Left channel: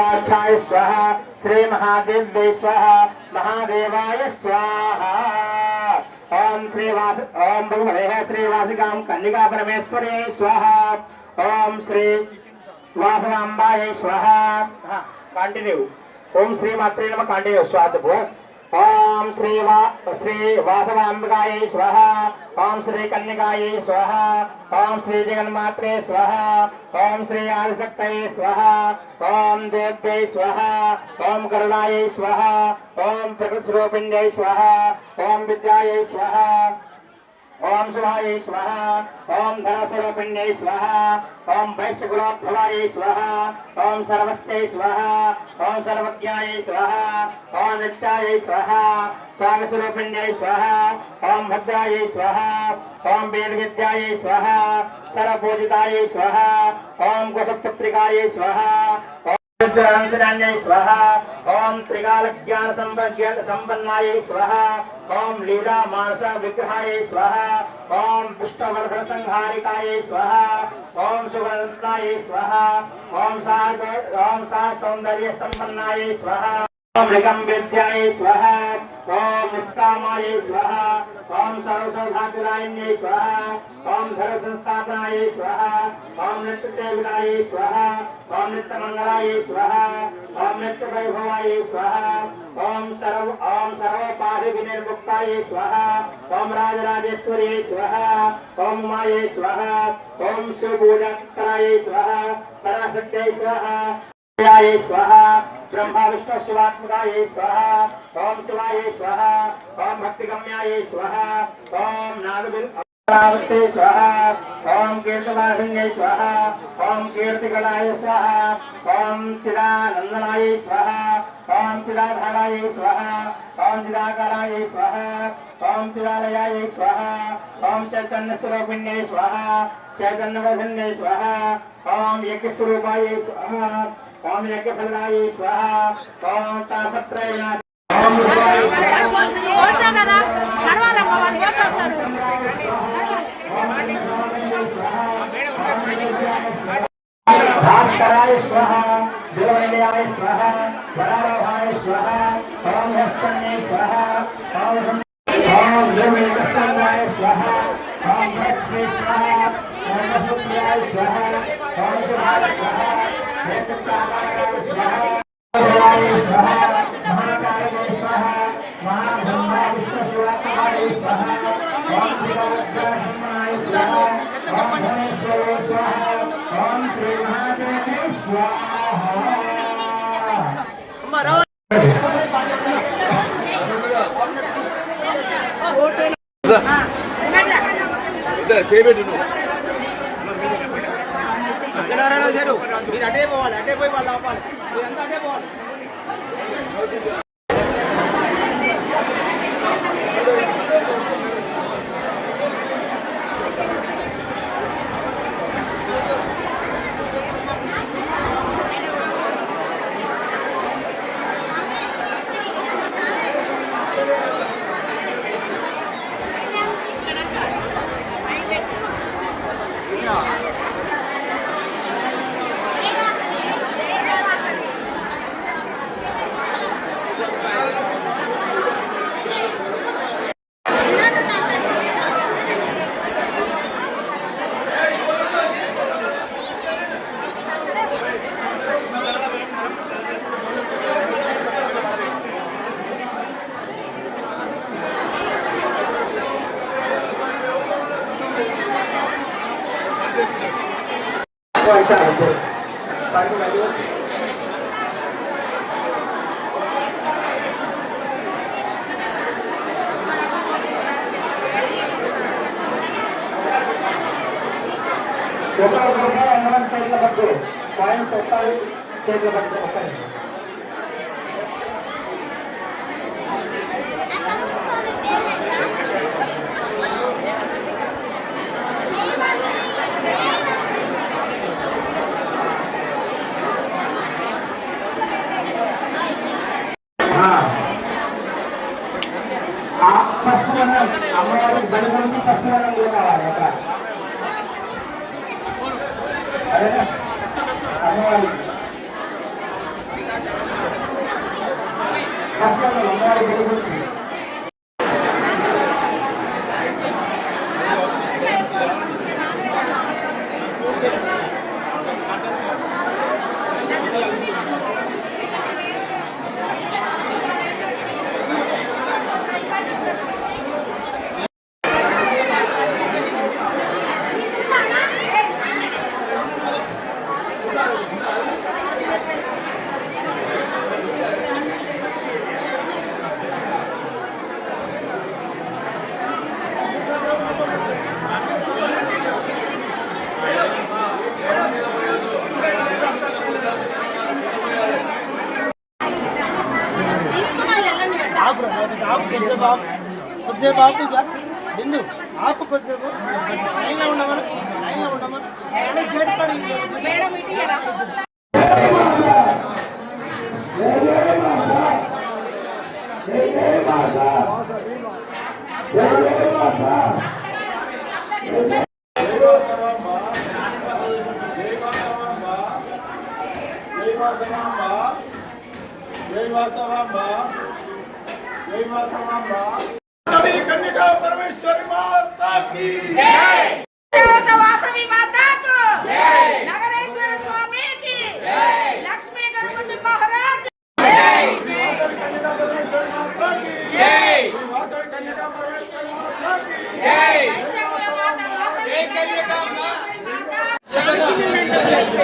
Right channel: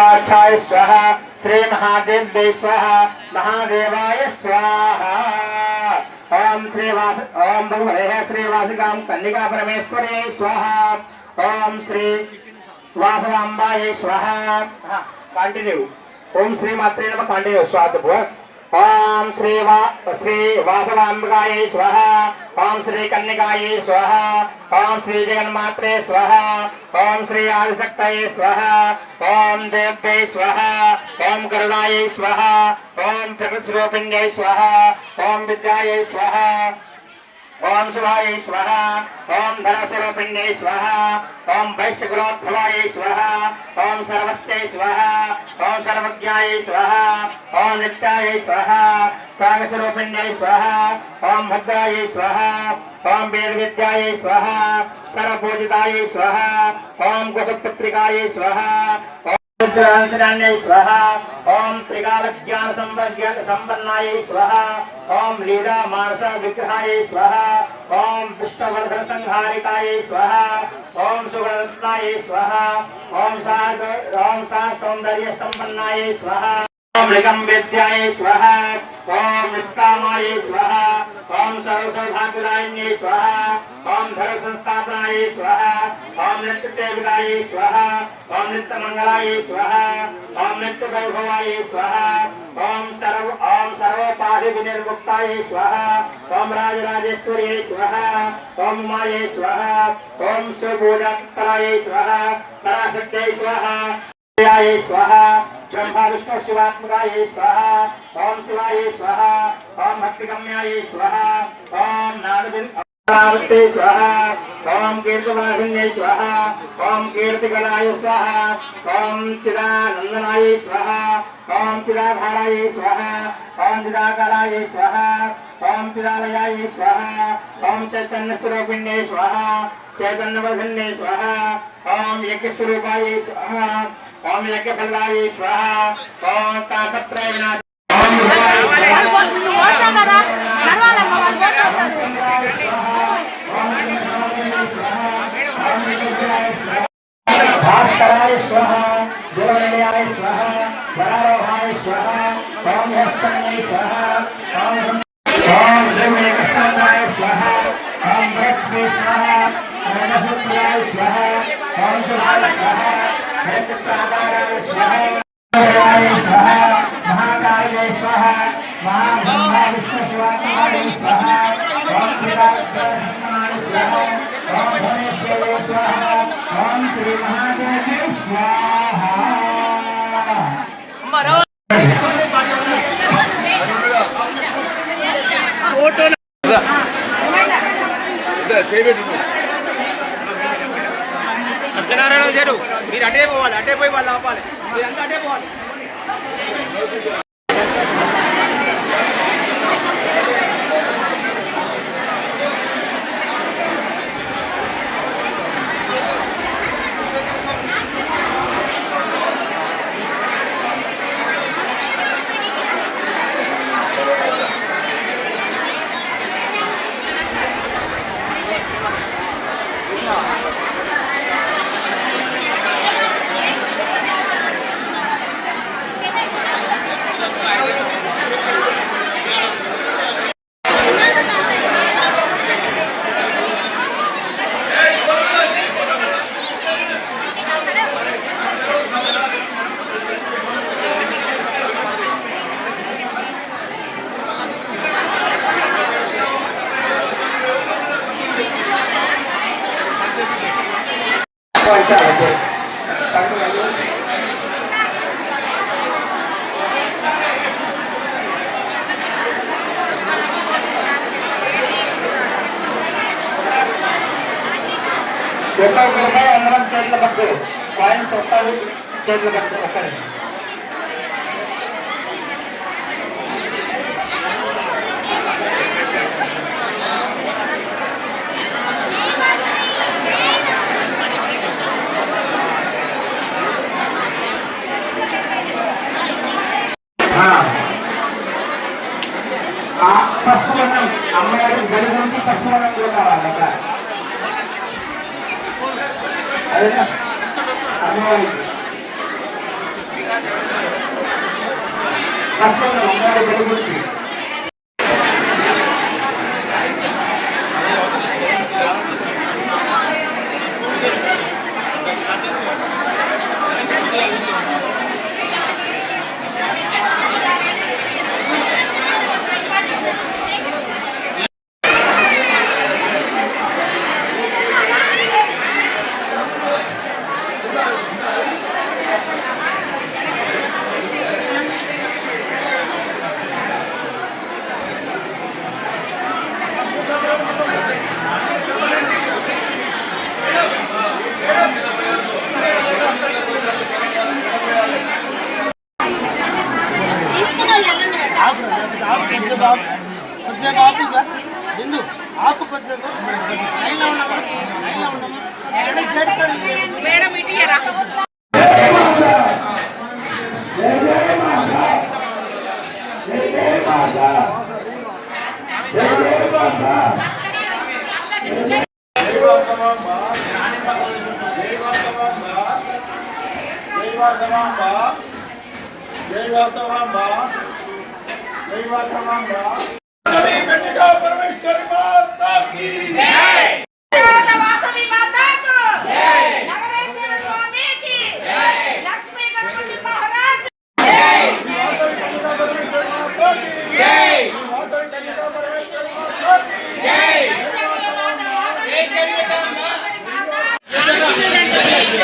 वाचाय स्वाहा श्री महादेव्यै स्वाहा महादेवाय स्वाहा ओम भगवते श्रीवासिकां कन्निका परमेश्वरे स्वाहा ओम श्री वासवांबाय स्वाहा कंटिन्यू ओम श्री मात्रे नमः कंटिन्यू स्वाहा ओम श्री वासवांबिकाय स्वाहा ओम श्री कन्निकाय स्वाहा ओम श्री जगन्मात्रे स्वाहा ओम श्री आदिशक्तये स्वाहा ओम देव्यै स्वाहा ओम करुणायै स्वाहा ओम प्रकृतिस्वरूपिण्यै स्वाहा ओम विद्यायै स्वाहा ओम शिवाय स्वाहा ओम धनस्वरूपिण्यै स्वाहा ओम वैश्यकुलोद्भवाय स्वाहा ओम सर्वस्यै स्वाहा ओम सर्वज्ञाय स्वाहा ओम नित्याय स्वाहा त्यागस्वरूपिण्यै स्वाहा ओम भद्राय स्वाहा ओम वेदविद्याय स्वाहा सर्वपूजिताय स्वाहा ओम कुशपुत्रिकाय स्वाहा स्वाहा ओम त्रिकाल ज्ञान संपन्नाय स्वाहा ओम लीला मानस विग्रहाय स्वाहा ओम पुष्पवर्धन संहारिकाय स्वाहा ओम सुगंधाय स्वाहा ओम सा सौंदर्य संपन्नाय स्वाहा ओम लिंगम विद्याय स्वाहा ओम निष्कामाय स्वाहा ओम सर्वसौभाग्यदायिन्यै स्वाहा ओम धर्म संस्थापनाय स्वाहा ओम नित्य सेविकाय स्वाहा ओम नित्य मंगलाय स्वाहा ओम नित्य वैभवाय स्वाहा ओम सर्वोपाधि विनिर्मुक्ताय स्वाहा ओम राजराजेश्वर्यै स्वाहा ओम उमाय स्वाहा ओम सुपूजाय स्वाहा पराशक्त्यै स्वाहा स्वाहा ब्रह्मा विष्णु शिवात्मकाय स्वाहा ओम शिवाय स्वाहा ओम भक्तिगम्याय स्वाहा ओम नारदे स्वाहा ओम कीर्तिवाहिन्यै स्वाहा ओम कीर्तिगणाय स्वाहा ओम चिदानंदनाय स्वाहा ओम चिदाधाराय स्वाहा ओम चिदाकाराय स्वाहा ओम चिदालयाय स्वाहा ओम चैतन्य स्वरूपिण्यै स्वाहा चैतन्यवर्धिन्यै स्वाहा ओम यज्ञस्वरूपाय स्वाहा ओम यज्ञफलाय स्वाहा ओम तापत्रय विनाश ओम भास्कराय स्वाहा देवनिलयाय स्वाहा वरारोहाय स्वाहा ओम हस्तन्यै स्वाहा ओम देवयकस्वाय स्वाहा ओम लक्ष्मी स्वाहा ओम सुप्रियाय स्वाहा ओम शिवाय स्वाहा हेतुसागाराय स्वाहा स्वाहा महाकाले स्वाहा महाब्रह्मा विष्णु शिवाय स्वाहा ओम शिवाय स्वाहा ओम धनेश्वरे स्वाहा ओम श्री महादेवे स्वाहा సత్యనారాయణ చేడు మీరు అటే పోవాలి, అటే పోయి వాళ్ళు ఆపాలి, మీరంతా అటే పోవాలి. అందరం చేతుల పట్టు కాయిన్స్ వస్తాయి చేతుల పట్టు ఒక్కరి ఫస్ట్ మనం అమ్మగారి బలి గురించి ఫస్ట్ మనం కూడా కావాలి అక్కడ అదే అమ్మవారికి కష్టంలో అమ్మవారి గురించి కొద్దిసేపు ఆపు బిందు ఆపు కొద్దిసేపు లైన్లో ఉండమా గేట్ మేడం ఇటీయరా सभी कन्या परमेश्वरी माता की जय। वासवी माता को जय। नगरेश्वर स्वामी की जय। लक्ष्मी गणपति महाराज जय। वासवी कन्या परमेश्वरी माता की जय। वासवी कन्या परमेश्वरी माता की जय। जय कन्या मां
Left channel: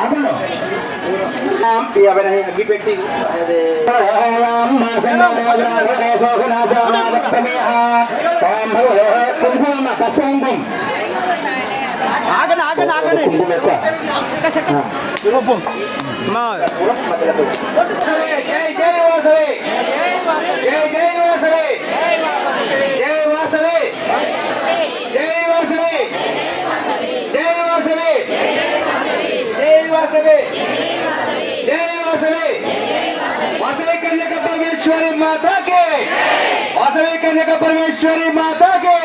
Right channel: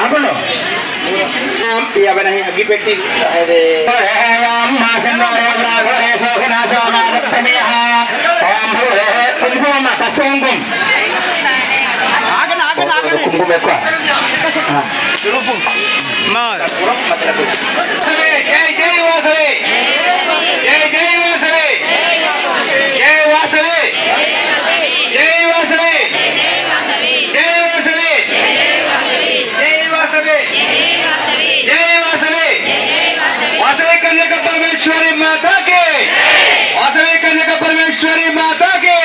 ఆపండి అవన్నీ అగ్గి పెట్టి కుంకుమ ఎక్కువ జై జై వాసవి జై జై వాసవి జై వాసవి జై వాసవి జై వాసవి జై వాసవి జై వాసవి वासवी कन्या परमेश्वरी माता के वासवी कन्या परमेश्वरी माता के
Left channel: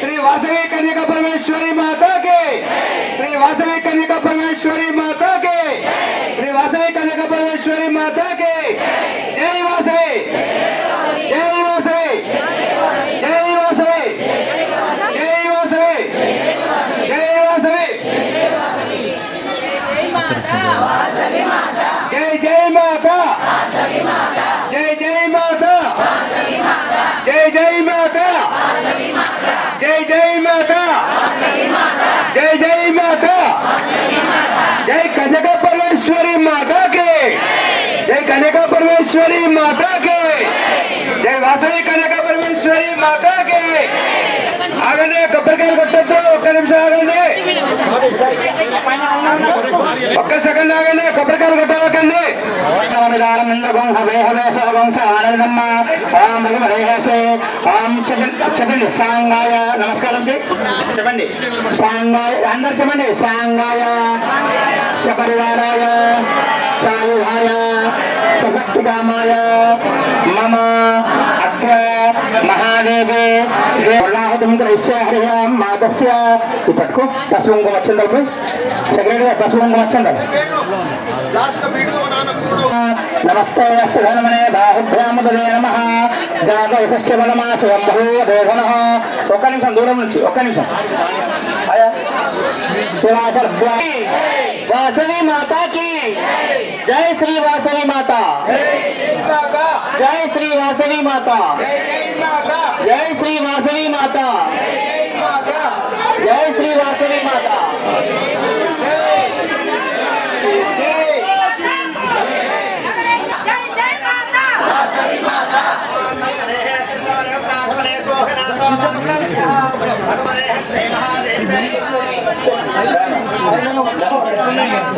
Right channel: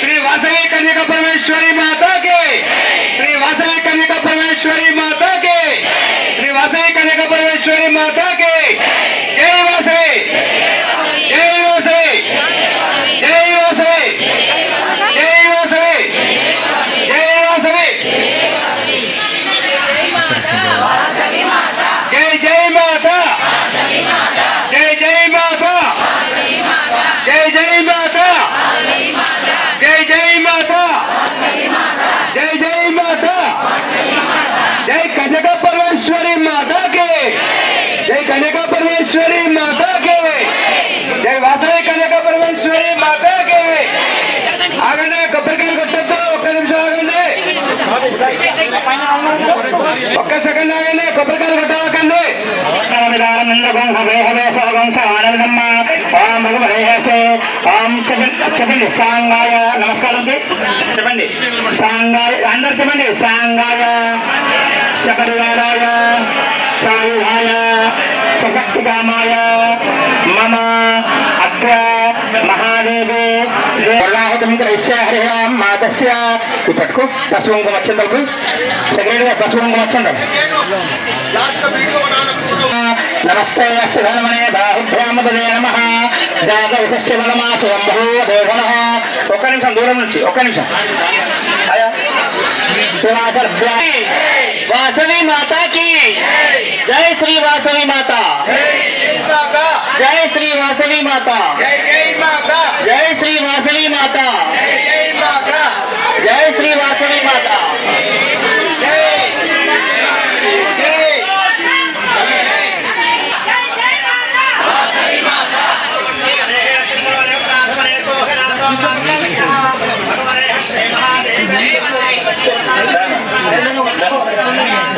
श्री वासवी कन्या परमेश्वरी माता के श्री वासवी कन्या परमेश्वरी माता के श्री वासवी कन्या परमेश्वरी माता के जय वासवी जय वासवी जय वासवी जय वासवी जय वासवी जय जय माता जय जय माता जय जय माता जय जय माता जय जय माता जय कन्या परमेश्वरी माता के जय कन्या परमेश्वरी माता के जय वासवी कन्या परमेश्वरी माता के आगने కొబ్బరికాయలు కొట్టొద్దు ఒక్క నిమిషం ఆగండి ఒక్క సెకండ్ ఆగండి కొబ్బరికాయలు కొట్టవకండి చెప్పండి సాంగాయ నమస్కారం చెప్పండి సాంగాయ అందరు చెప్పండి సాంగాయ శబరివారాయ సాయుధాయ సశక్తికామాయ మమ అగ్ర మహాదేవి మాతస్య ఇప్పటికు పసుపు కుంకుమ వచ్చిందలకు సెక్రటరీ పసుపు కుంకుమ వచ్చిందాలి నమస్తే అస్తు ధనమనే బాహుభ్యామదే నమః జాతకస్య వనమాసయంభో దేవనః ఒక్క నిమిషం దూరం నుంచి ఒక్క నిమిషం वासवी माता की जय श्री वासवी माता जय श्री वासवी माता जय श्री वासवी माता जय श्री वासवी माता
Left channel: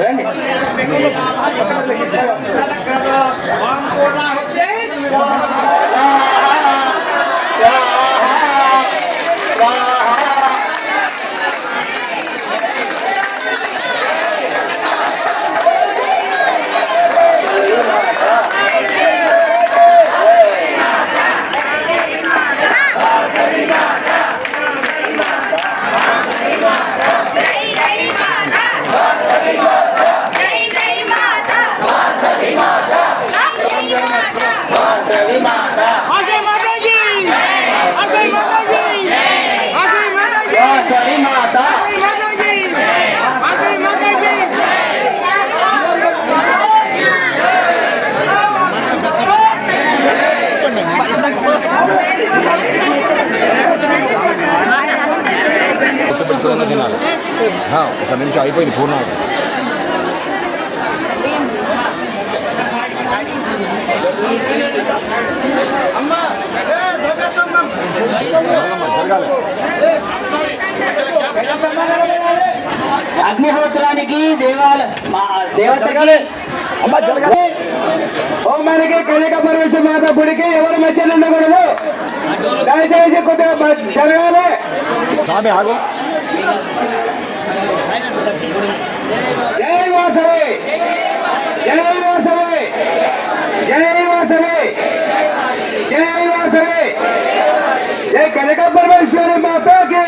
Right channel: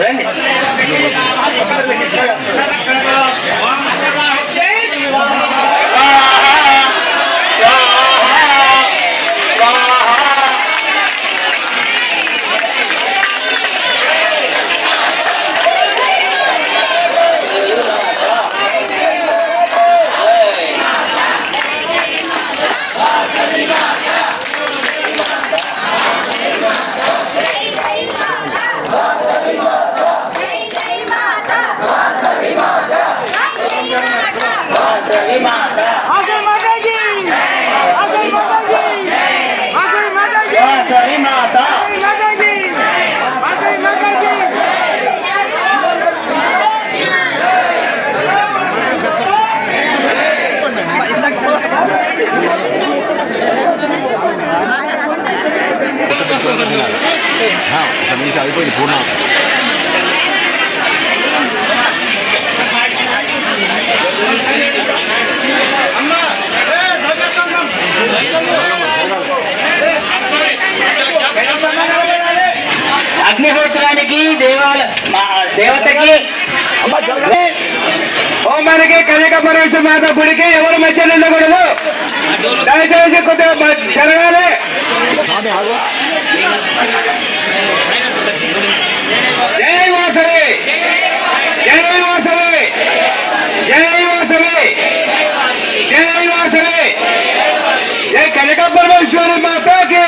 రండి जय వాసవి మాత వాసవి మాత కనీసం అయిపోయింది పూర్ణ అగ్నిహోత్రానికి దేవతకి హోమానికి కనక పరమేశ్వర మాత గుడికి ఎవరు మధ్యలో ఉండకూడదు. దయచేసి కొద్దిగా జరగాలి. జై వాసవి, జై వాసవి, జై వాసవి, జై వాసవి, జై కనక పరమేశ్వరి మాతాకి,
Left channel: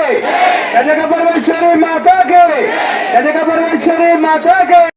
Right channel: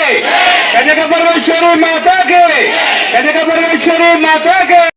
కనక పరమేశ్వరి మాతాకి, కనక పరమేశ్వరి మాతాకి.